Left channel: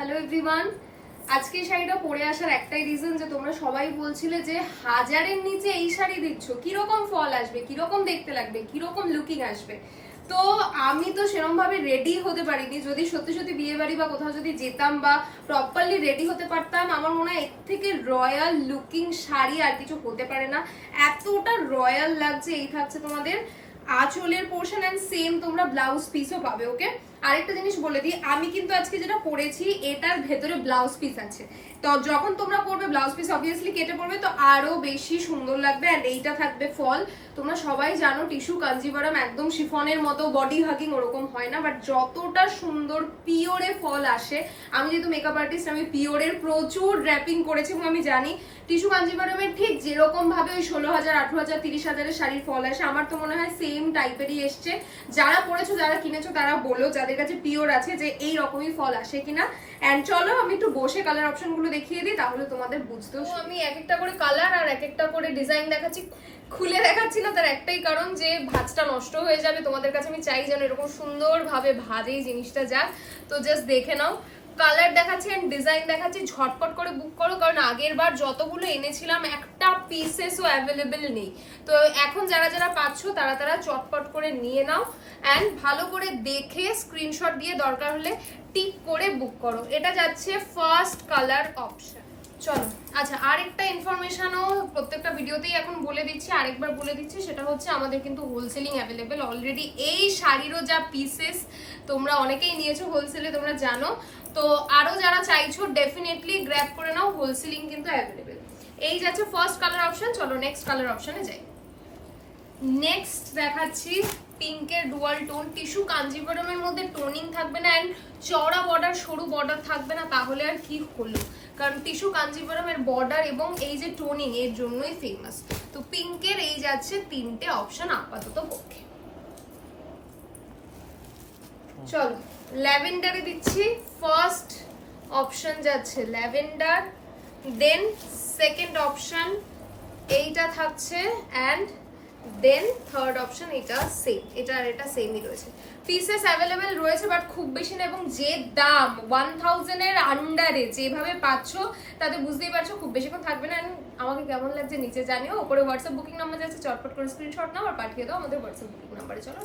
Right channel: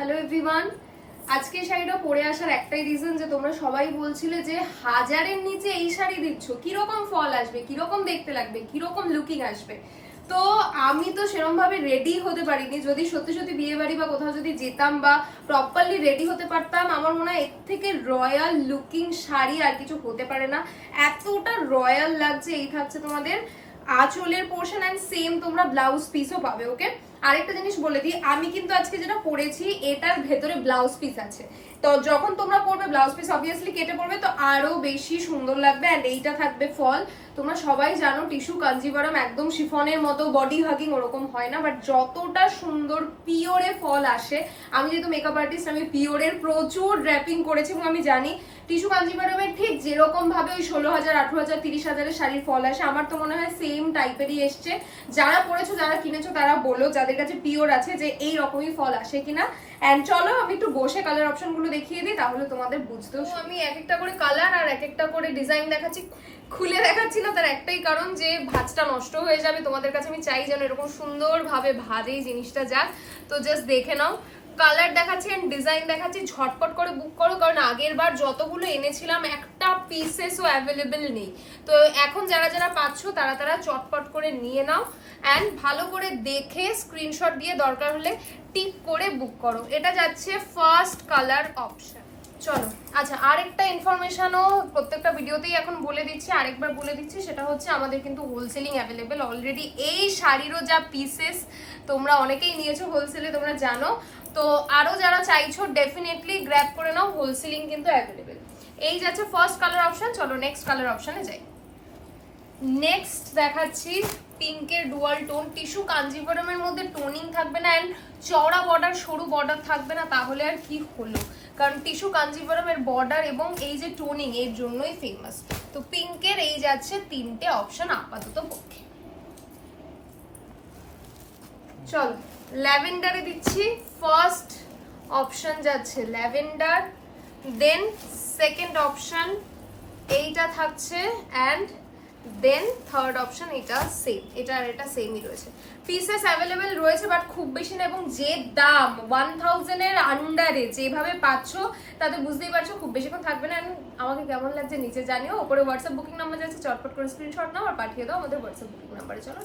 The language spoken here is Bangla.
হ্যালো এভরিওয়ান, আজকে শাড়িটা পরে আসার একটাই রিজন যে তোমরা সবাই বলছিলে যে 1000-এর নিচে এই শাড়ি দিচ্ছ, কিরকম ফল আসবে, কিরকম দেখতে লাগবে, কিরকম লুকিং আসবে। তো আমি তো সেরকম ভাবে রেডি হতে পারিনি। যদি সত্যি সত্যি বিয়ে বাড়ি বা কোথাও যদি যেতাম বা প্রপারলি রেডি হতে পারতাম, আমার মনে হয় এর থেকে রয়্যাল লুকিং শাড়ি আর কিছু হতে পারে না। এতটা রয়্যাল লাগছে। এই থাকছে তোমাদের আঁচলের পোর্শন এন্ড সেম তোমরা ব্লাউজ পিসও পাবে। ওকে, আরেকটা জিনিস বলে দিই, আমি কিন্তু আজকে যেটা পরেছি এটার ভেতরে ব্লাউজ পিস আছে। তো যখন তোমরা পরবে ব্লাউজ পিস অবভিয়াসলি কেটে পরবে, তো আরো বেশি সুন্দর লাগবে। এন্ড এইটা থাকবে ফল। তোমরা সবাই জানো টিস্যু কাঞ্জিভারাম একদম শিফনের মতো বডি হাগিং ওরকম হয় না, বাট যতটা সুন্দর পিওরে ফল আসে। আমি যেহেতু মেকআপ আর্টিস্ট, আমি পিওরের প্রচুর ড্র্যাপিং করেছি এবং আমি জানি টিস্যু কাঞ্জিভারামের ঠিক যেরকম ভাবে ওই 16,000, 18,000, 30,000-এর শাড়ির ফল আসে, আমার তো মনে হয় সেম টাইপেরই এসছে। যারা পরেছো, যারা কিনেছো তারা বলো যাদের কাছে পিওর আছে যে এই রকমই ফল আসে কিনা। এন্ড চলো আমি একটু বসে কালার অপশন গুলো দেখিয়ে দিই, তাহলে তোমাদের বুঝতেও। আমি এক একটা করে কালার আর এক একটা করে ডিজাইন দেখাচ্ছি। খুলে দেখাচ্ছি না তার একটাই কারণ যে ভাঁজটা নষ্ট হয়ে যাবে। তোমাদের কাছে আমি চাই যেন এরকম সুন্দর ভাবে ভাজে জিনিসটা যাক। তো জাস্ট দেখে নাও, কালার দেখাচ্ছি এন্ড ডিজাইন দেখাচ্ছি। ঝটপট করে বুক করো, কারণ আগের বার যতগুলো এনেছিলাম একটা পিসেসও অ্যাভেলেবেল নেই। তো এখন যারা যারা পাচ্ছ তারা তারা চটপট করে নিয়ে নাও এন্ড ভালো করে দেখে স্ক্রিনশট দিয়ে দরকার হলে টিক করে বুক করো। এটা যাচ্ছে ফার্স্ট কালার অপশন। চলো, আচ্ছা আরেকটা ইনফরমেশনও প্রত্যেকটা ভিডিওতেই এখন বলে দিচ্ছি, আরেকবার বলে দিচ্ছি, সেটা হচ্ছে আমাদের কিন্তু হোলসেলিং অ্যাভেলেবেল অলরেডি। এই শাড়িরও যা পিসেস তোমরা অনেকেই নিয়েছো হোলসেলে, তোমরা জানো। তো আরো যারা চাইছো ডেফিনেটলি গ্র্যাব করে নাও, হোলসেলিং কিন্তু অ্যাভেলেবেল। এই যাচ্ছে ফার্স্ট কালার অপশন। চলো নেক্সট কালার অপশনে যাই। নেক্সট দেখাচ্ছি পিঙ্কের ডুয়াল টোন। টিস্যু কাঞ্জিভারামের মধ্যে টোনিং থাকবে না এন্ড চওড়া বর্ডার সরু বর্ডার থাকবে না, তাহলে আর কি হলো। কারণ টিস্যু কাঞ্জিভারামের বর্ডার এবং এই যে টোনিং এর জন্যই ফেমাস। তো পিঙ্কের এই যাচ্ছে তিনটে অপশন আপাতত পক্ষে। চলো ল্যাভেন্ডারে দিচ্ছি। ফার্স্ট অপশন যাচ্ছে ল্যাভেন্ডার, দেন সেকেন্ড অপশন এইটা থাকছে এন্ড দেন থার্ড অপশন এটা সেম। এটা আর এটা সেমই রয়েছে। পিসেস অ্যাভেলেবেল রয়েছে বাট খুব বেশি না, এবং যে দাম 1000 এর আন্ডারে যেভাবে পাচ্ছ তাতে বুঝতেই পারছো খুব বেশিক্ষণ থাকবে না। আমাকে কেমন লাগছে নিচে জানিও। উপরে হোয়াটসঅ্যাপ বুকিং নাম্বার যাচ্ছে, চটপট করে স্ক্রিনশট নাও আর পাঠিয়ে দাও আমাদের হোয়াটসঅ্যাপ বুকিং নাম্বারে। চলো।